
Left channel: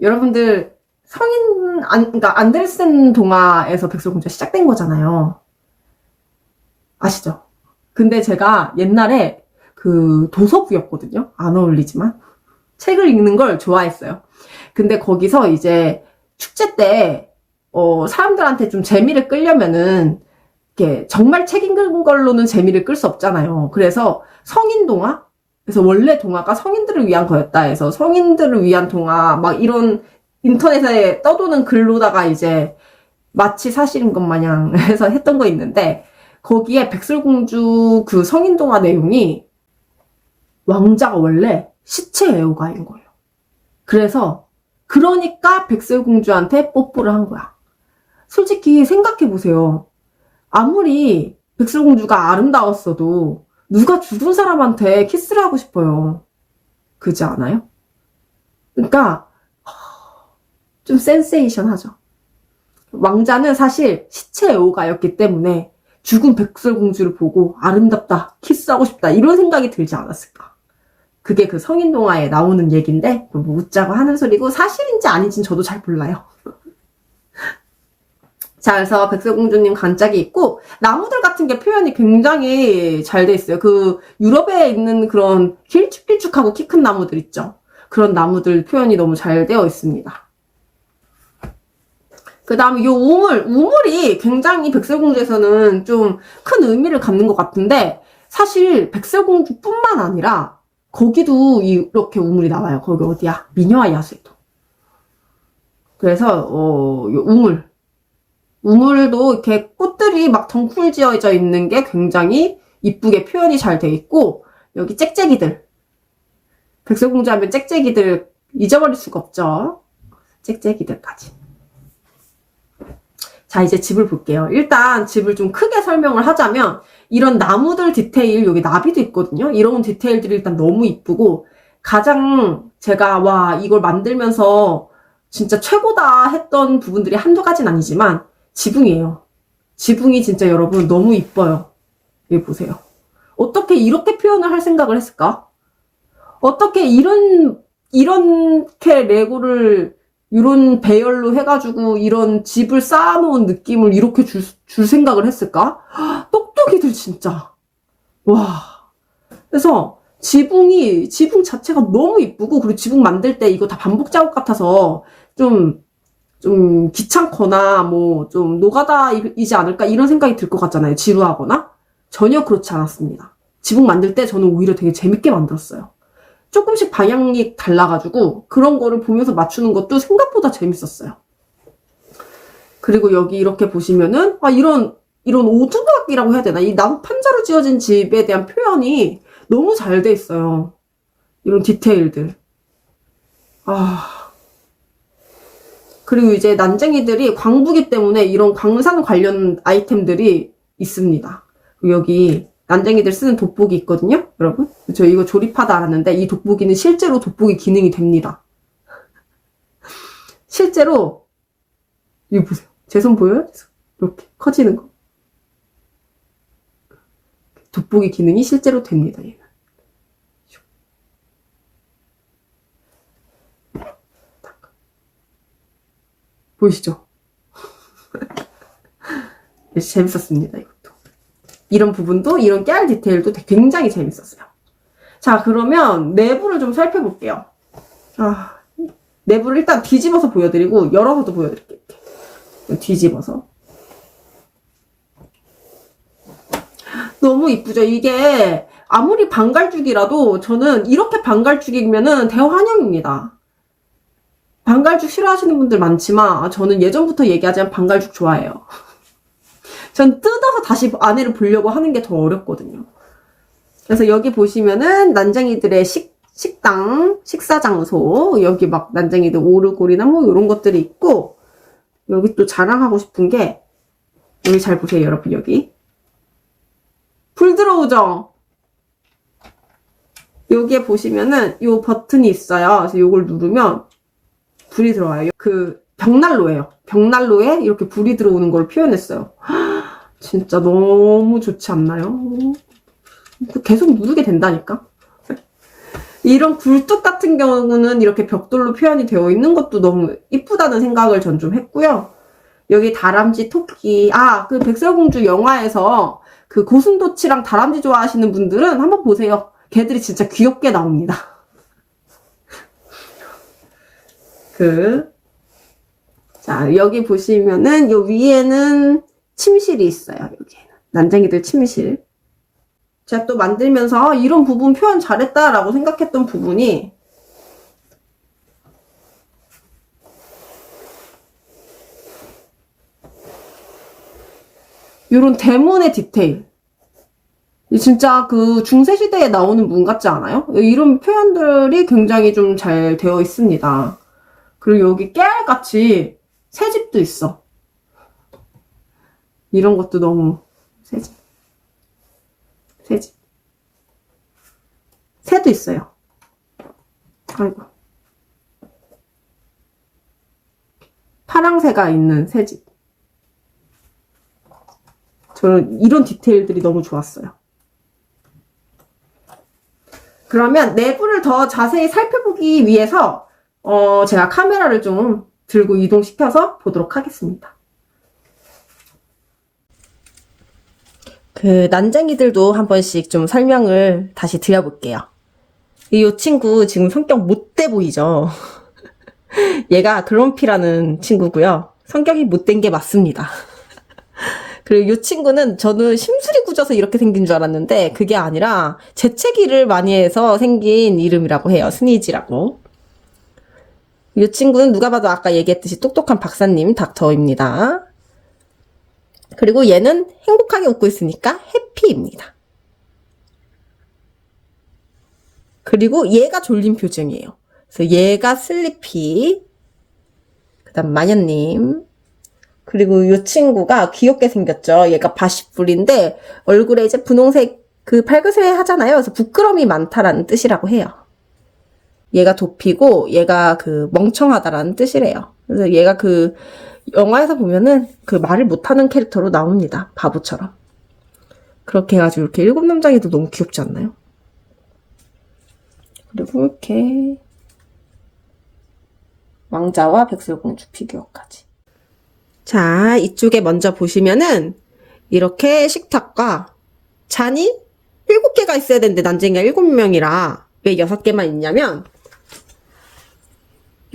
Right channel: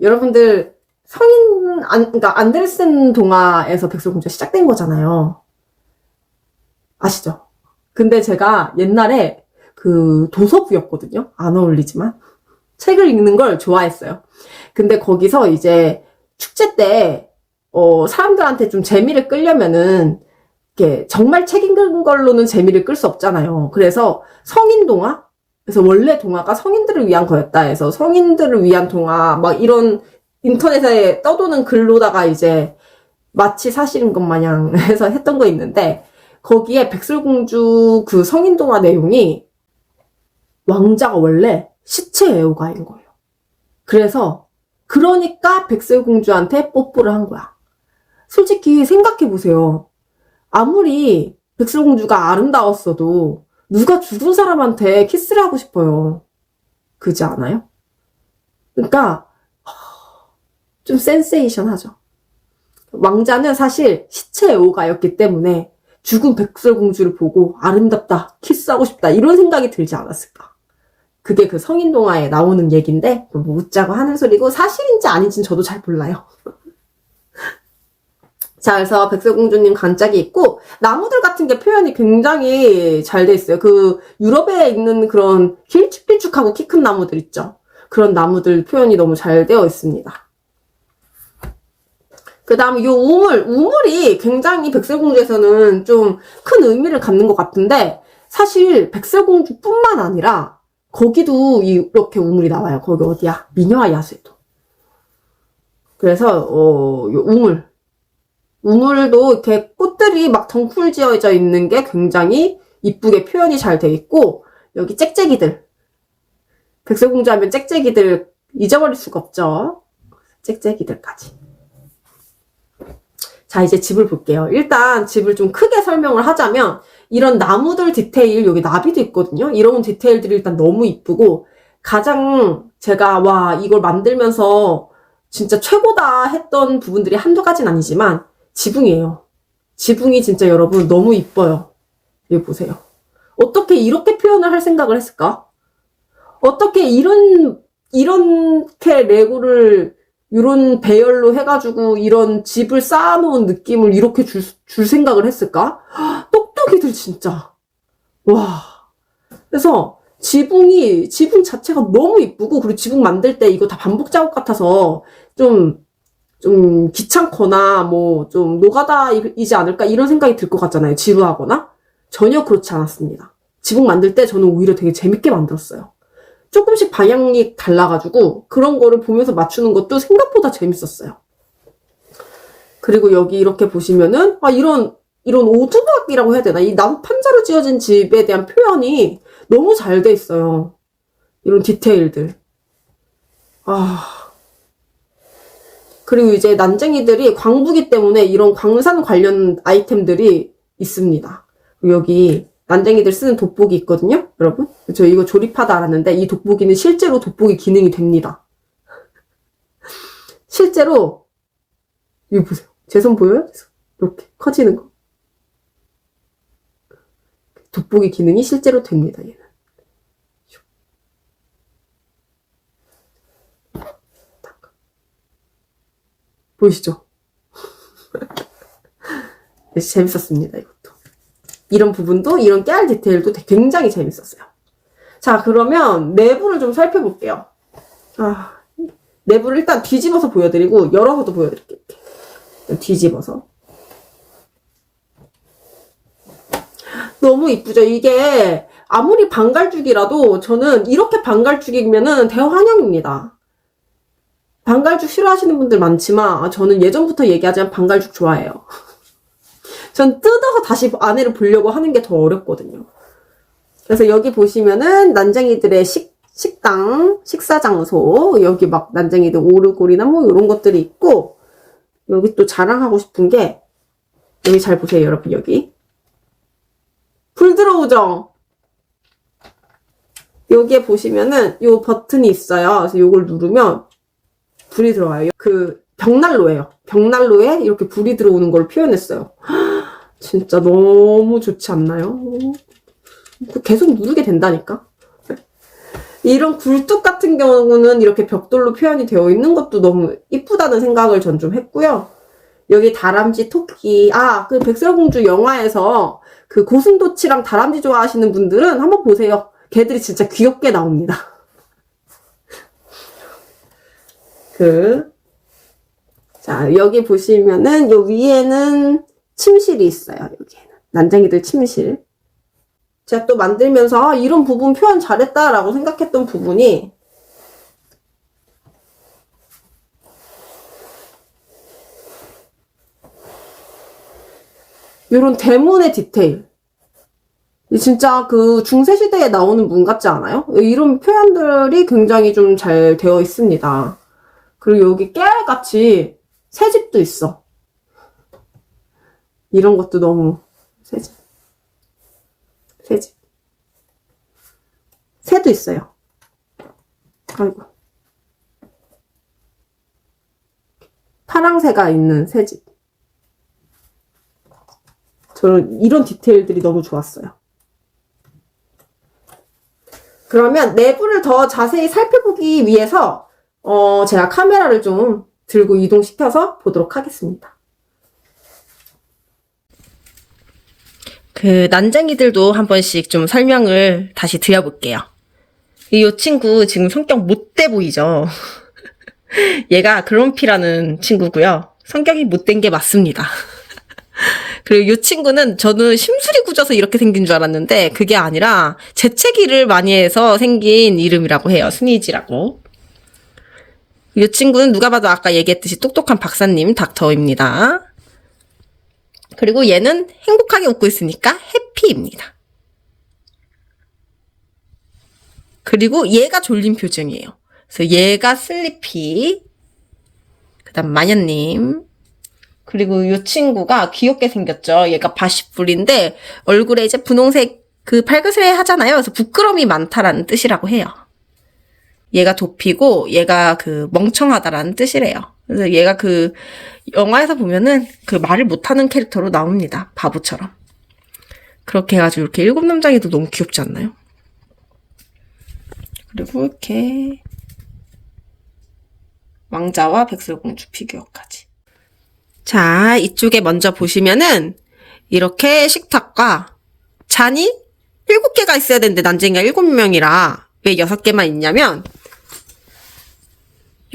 여러분들 그러니까 안델센 동화에서 백설공주가 시작된 거잖아요. 아시죠? 근데 제가 옛날에 그 도서부였거든요. 안 어울리지만 책을 읽는 걸 좋아했어요. 근데 거기서 이제 축제 때 사람들한테 좀 재미를 끌려면은 이게 정말 책 읽은 걸로는 재미를 끌 수 없잖아요. 그래서 성인 동화? 그래서 원래 동화가 성인들을 위한 거였다 해서 성인들을 위한 동화 막 이런 인터넷에 떠도는 글로다가 이제 마치 사실인 것 마냥 해서 했던 거 있는데, 거기에 백설공주 그 성인동화 내용이 왕자가 원래 시체 애호가인 거예요. 그래서 그러니까 백설공주한테 뽀뽀를 한 거야. 솔직히 생각해보세요. 아무리 백설공주가 아름다웠어도 누가 죽은 사람한테 키스를 하고 싶어요. 그지 않아요? 그러니까 좀 센세이션하죠. 왕자는 사실 시체 애호가였기 때문에 죽은 백설공주를 보고 아름답다, 키스하고 싶다 이런 생각이 들지 않았을까. 그게 그 성인동화에 나오는 얘기인데 뭐 웃자고 하는 소리고 사실인지 아닌지는 저도 잘 몰라요. 자, 그래서 백설공주님 관짝이 있고 나무들 같은 게 표현이 굉장히 잘 돼 있어요. 그 유럽에 있는 그런 길쭉길쭉하고 키 큰 나무들 있죠. 그런 나무들 표현이 너무 잘 되어 있습니다. 그 다음에 이 우물이 굉장히 백설공주에서는 좀 큰 의미를 갖는 것 같은데 사실 백설공주뿐만 아니라 거기도 이렇게 우물이 나와요. 거기 어디야? 미녀와 야수에도. 그래서 이 우물도 이렇게 꽃들이 막 덩쿨 지어져 있는 게 굉장히 이쁘게 표현이 잘 돼 있고 여기 짹짹이들. 백설공주 하면 짹짹이들 잊어버릴 수가 없죠. 짹짹이들까지. 자, 이제 집을 볼게요. 일단 집을 좀 크게 설명을 하자면 이런 나무들 디테일, 여기 나비도 있거든요. 이런 디테일들이 일단 너무 이쁘고 가장 제가 와 이걸 만들면서 진짜 최고다 했던 부분들이 한두 가지는 아니지만 지붕이에요. 지붕이 진짜 여러분 너무 이뻐요. 여기 보세요. 어떻게 이렇게 표현을 할 생각을 했을까? 어떻게 이렇게 레고를 이런 배열로 해가지고 이런 집을 쌓아놓은 느낌을 이렇게 줄 생각을 했을까? 똑똑이들 진짜. 와. 그래서 지붕 자체가 너무 이쁘고 그리고 지붕 만들 때 이거 다 반복 작업 같아서 좀 귀찮거나 뭐 좀 노가다이지 않을까 이런 생각이 들 것 같잖아요. 지루하거나. 전혀 그렇지 않았습니다. 지붕 만들 때 저는 오히려 되게 재밌게 만들었어요. 조금씩 방향이 달라가지고 그런 거를 보면서 맞추는 것도 생각보다 재밌었어요. 그리고 여기 이렇게 보시면은 이런 오두막이라고 해야 되나? 이 나무 판자로 지어진 집에 대한 표현이 너무 잘 돼 있어요. 이런 디테일들. 그리고 이제 난쟁이들이 광부기 때문에 이런 광산 관련 아이템들이 있습니다. 여기 난쟁이들 쓰는 돋보기 있거든요, 여러분. 저 이거 조립하다 알았는데 이 돋보기는 실제로 돋보기 기능이 됩니다. 실제로 이거 보세요. 제 손 보여요? 이렇게 커지는 거. 돋보기 기능이 실제로 됩니다, 얘는. 보이시죠? 재밌었습니다, 이것도. 이런 부분도, 이런 깨알 디테일도 굉장히 재밌었어요. 자, 그러면 내부를 좀 살펴볼게요. 내부를 일단 뒤집어서 보여드리고, 열어서도 보여드릴게요. 뒤집어서. 너무 이쁘죠? 이게, 아무리 방갈죽이라도 저는 이렇게 방갈죽이면은 대환영입니다. 방갈죽 싫어하시는 분들 많지만 저는 예전부터 얘기하자면 방갈죽 좋아해요. 전 뜯어서 다시 안에를 보려고 하는 게 더 어렵거든요. 그래서 여기 보시면은 난쟁이들의 식당, 식사 장소, 여기 막 난쟁이들 오르골이나 뭐 이런 것들이 있고 여기 또 자랑하고 싶은 게 여기 잘 보세요, 여러분. 여기 불 들어오죠? 여기에 보시면은 요 버튼이 있어요. 그래서 요걸 누르면 불이 들어와요. 그 벽난로예요. 벽난로에 이렇게 불이 들어오는 걸 표현했어요. 진짜 너무 좋지 않나요? 계속 누르게 된다니까. 이런 굴뚝 같은 경우는 이렇게 벽돌로 표현이 되어 있는 것도 너무 이쁘다는 생각을 전 좀 했고요. 여기 다람쥐, 토끼. 그 백설공주 영화에서 그 고슴도치랑 다람쥐 좋아하시는 분들은 한번 보세요. 걔들이 진짜 귀엽게 나옵니다. 자, 여기 보시면은 요 위에는 침실이 있어요. 여기에는 난쟁이들 침실. 제가 또 만들면서 이런 부분 표현 잘했다라고 생각했던 부분이 요런 대문의 디테일. 진짜 그 중세시대에 나오는 문 같지 않아요? 이런 표현들이 굉장히 좀 잘 되어 있습니다. 그리고 여기 깨알같이 새집도 있어. 이런 것도 너무 새집. 새집. 새도 있어요. 아이고. 파랑새가 있는 새집. 저는 이런 디테일들이 너무 좋았어요. 그러면 내부를 더 자세히 살펴보기 위해서 제가 카메라를 좀 들고 이동시켜서 보도록 하겠습니다. 그 난쟁이들도 한 번씩 좀 설명을 다시 드려볼게요. 이 친구 지금 성격 못돼 보이죠? 얘가 그롬피라는 친구고요. 성격이 못된 게 맞습니다. 그리고 이 친구는 저는 심술이 굳어서 이렇게 생긴 줄 알았는데 그게 아니라 재채기를 많이 해서 생긴 이름이라고 해요. 스니지라고. 이 친구는 누가 봐도 아까 얘기했듯이 똑똑한 박사님 닥터입니다. 그리고 얘는 행복하게 웃고 있으니까 해피입니다. 그리고 얘가 졸린 표정이에요. 그래서 얘가 슬리피. 그 다음 마녀님. 그리고 이 친구가 귀엽게 생겼죠. 얘가 바시뿔인데 얼굴에 이제 분홍색 그 발그스레 하잖아요. 그래서 부끄러움이 많다라는 뜻이라고 해요. 얘가 도피고 얘가 그 멍청하다라는 뜻이래요. 그래서 얘가 그 영화에서 보면은 그 말을 못하는 캐릭터로 나옵니다. 바보처럼. 그렇게 해가지고 이렇게 일곱 남장이도 너무 귀엽지 않나요? 그리고 이렇게 왕자와 백설공주 피규어까지. 자, 이쪽에 먼저 보시면은 이렇게 식탁과 잔이 7개가 있어야 되는데 난쟁이가 7명이라 왜 6개만 있냐면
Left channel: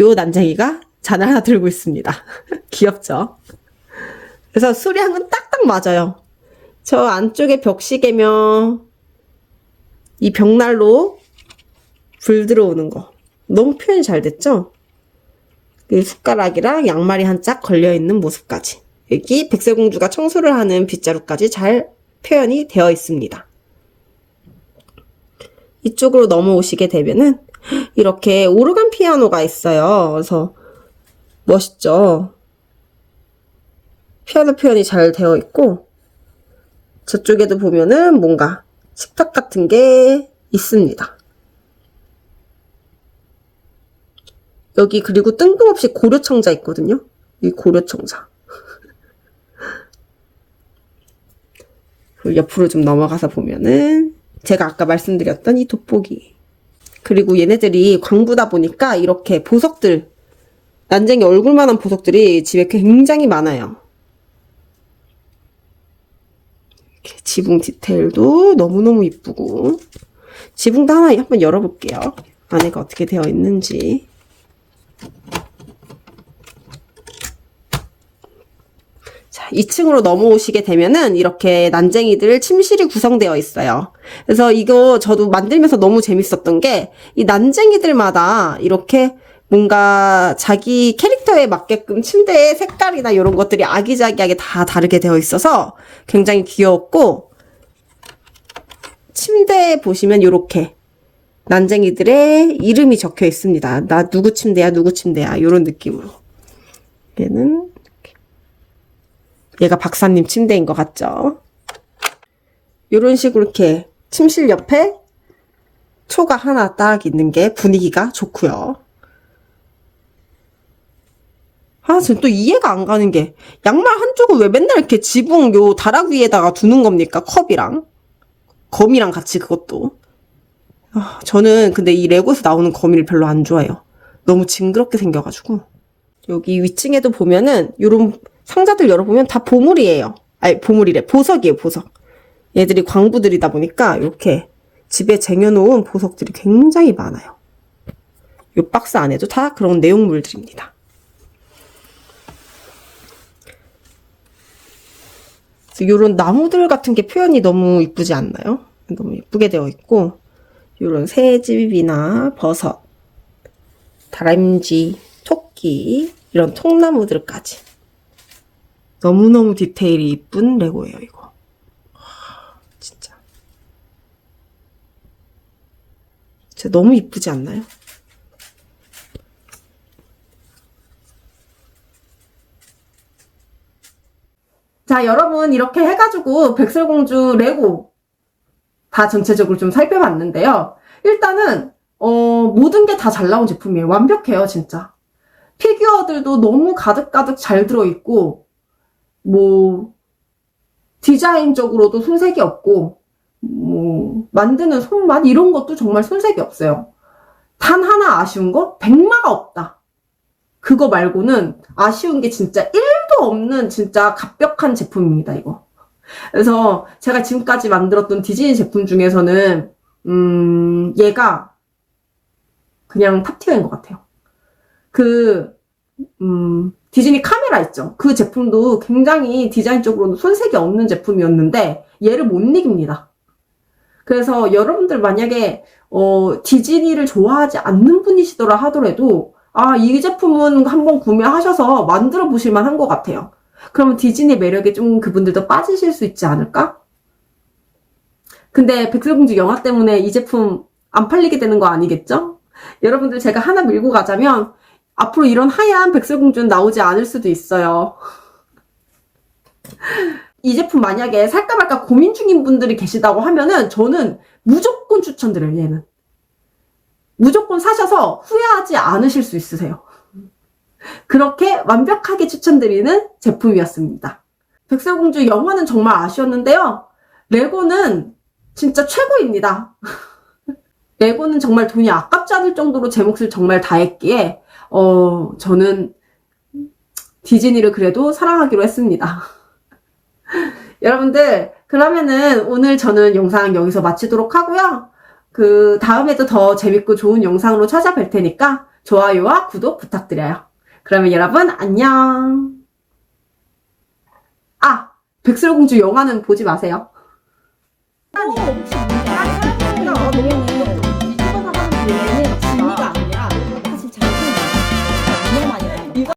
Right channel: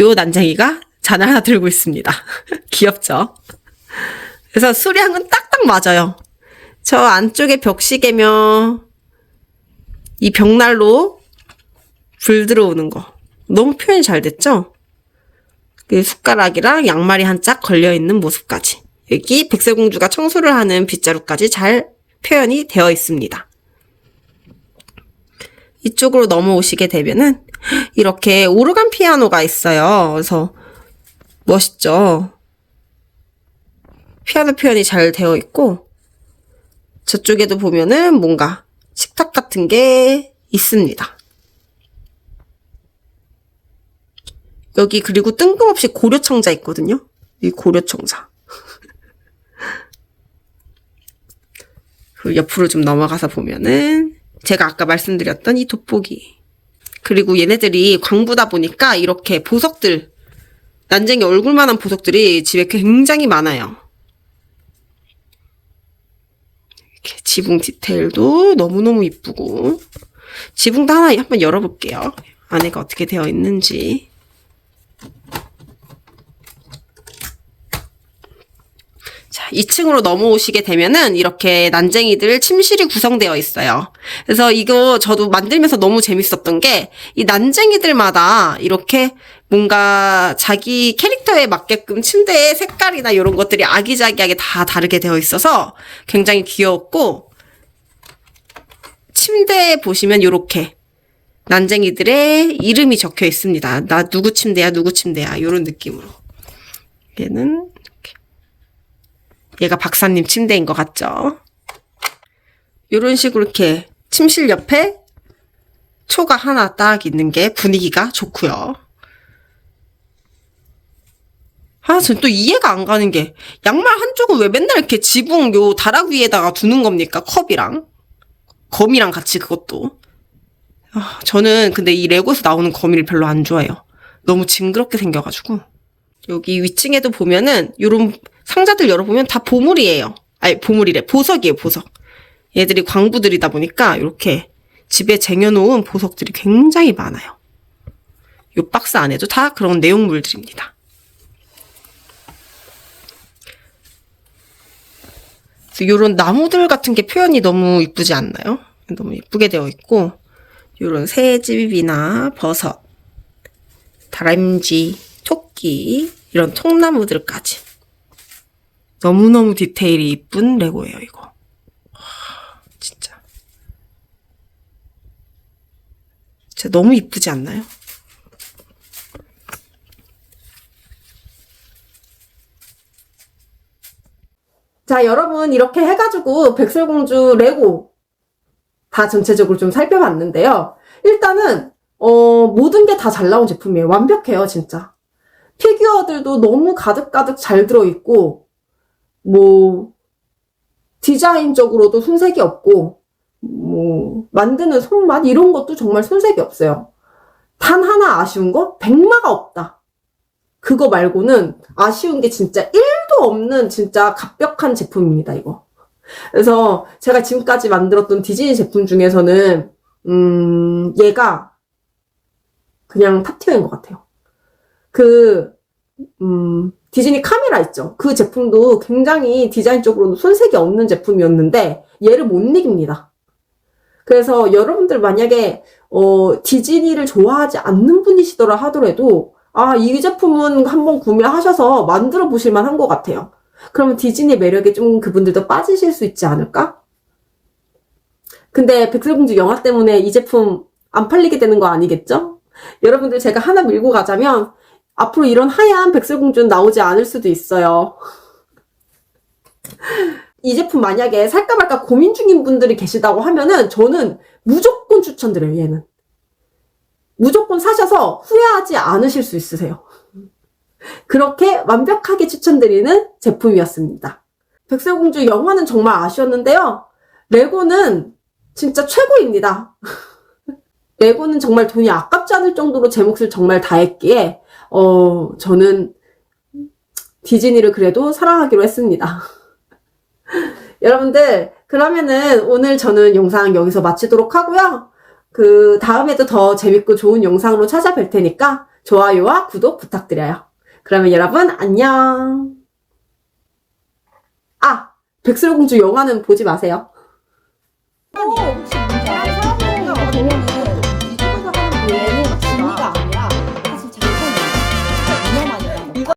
요 난쟁이가 잔을 하나 들고 있습니다. 귀엽죠? 그래서 수량은 딱딱 맞아요. 저 안쪽에 벽시계며 이 벽난로 불 들어오는 거 너무 표현이 잘 됐죠? 숟가락이랑 양말이 한 짝 걸려있는 모습까지 여기 백설공주가 청소를 하는 빗자루까지 잘 표현이 되어 있습니다. 이쪽으로 넘어오시게 되면은 이렇게 오르간 피아노가 있어요. 그래서 멋있죠? 피아노 표현이 잘 되어 있고 저쪽에도 보면은 뭔가 식탁 같은 게 있습니다. 여기 그리고 뜬금없이 고려청자 있거든요. 이 고려청자. 그 옆으로 좀 넘어가서 보면은 제가 아까 말씀드렸던 이 돋보기. 그리고 얘네들이 광부다 보니까 이렇게 보석들, 난쟁이 얼굴만한 보석들이 집에 굉장히 많아요. 이렇게 지붕 디테일도 너무너무 이쁘고 지붕도 하나 한번 열어볼게요. 안에가 어떻게 되어 있는지. 자, 2층으로 넘어오시게 되면은 이렇게 난쟁이들 침실이 구성되어 있어요. 그래서 이거 저도 만들면서 너무 재밌었던 게 이 난쟁이들마다 이렇게 뭔가 자기 캐릭터에 맞게끔 침대의 색깔이나 이런 것들이 아기자기하게 다 다르게 되어 있어서 굉장히 귀여웠고 침대에 보시면 이렇게 난쟁이들의 이름이 적혀 있습니다. 나 누구 침대야 누구 침대야 이런 느낌으로. 얘는 얘가 박사님 침대인 것 같죠? 이런 식으로 이렇게 침실 옆에 초가 하나 딱 있는 게 분위기가 좋고요. 전 또 이해가 안 가는 게 양말 한쪽은 왜 맨날 이렇게 지붕 요 다락 위에다가 두는 겁니까? 컵이랑 거미랑 같이 그것도. 저는 근데 이 레고에서 나오는 거미를 별로 안 좋아해요. 너무 징그럽게 생겨가지고. 여기 위층에도 보면은 요런 상자들 열어보면 다 보물이에요. 아니 보물이래. 보석이에요. 보석. 얘들이 광부들이다 보니까 이렇게 집에 쟁여놓은 보석들이 굉장히 많아요. 요 박스 안에도 다 그런 내용물들입니다. 요런 나무들 같은 게 표현이 너무 이쁘지 않나요? 너무 예쁘게 되어 있고 요런 새집이나 버섯, 다람쥐, 토끼 이런 통나무들까지 너무너무 디테일이 이쁜 레고예요, 이거. 진짜. 진짜 너무 이쁘지 않나요? 자, 여러분, 이렇게 해가지고 백설공주 레고 다 전체적으로 좀 살펴봤는데요. 일단은, 모든 게 다 잘 나온 제품이에요. 완벽해요, 진짜. 피규어들도 너무 가득가득 잘 들어있고, 뭐, 디자인적으로도 손색이 없고, 뭐, 만드는 손맛 이런 것도 정말 손색이 없어요. 단 하나 아쉬운 거? 백마가 없다. 그거 말고는 아쉬운 게 진짜 1도 없는 진짜 갑벽한 제품입니다, 이거. 그래서 제가 지금까지 만들었던 디즈니 제품 중에서는, 얘가 그냥 탑티어인 것 같아요. 디즈니 카메라 있죠? 그 제품도 굉장히 디자인적으로는 손색이 없는 제품이었는데, 얘를 못 이깁니다. 그래서 여러분들 만약에, 디즈니를 좋아하지 않는 분이시더라 하더라도, 아, 이 제품은 한번 구매하셔서 만들어 보실 만한 것 같아요. 그러면 디즈니 매력에 좀 그분들도 빠지실 수 있지 않을까? 근데 백설공주 영화 때문에 이 제품 안 팔리게 되는 거 아니겠죠? 여러분들 제가 하나 밀고 가자면 앞으로 이런 하얀 백설공주는 나오지 않을 수도 있어요. 이 제품 만약에 살까 말까 고민 중인 분들이 계시다고 하면은 저는 무조건 추천드려요, 얘는. 무조건 사셔서 후회하지 않으실 수 있으세요. 그렇게 완벽하게 추천드리는 제품이었습니다. 백설공주 영화는 정말 아쉬웠는데요. 레고는 진짜 최고입니다. 레고는 정말 돈이 아깝지 않을 정도로 제 몫을 정말 다했기에 저는 디즈니를 그래도 사랑하기로 했습니다. 여러분들 그러면은 오늘 저는 영상 여기서 마치도록 하고요. 그 다음에도 더 재밌고 좋은 영상으로 찾아뵐 테니까 좋아요와 구독 부탁드려요. 그러면 여러분 안녕. 아, 백설공주 영화는 보지 마세요.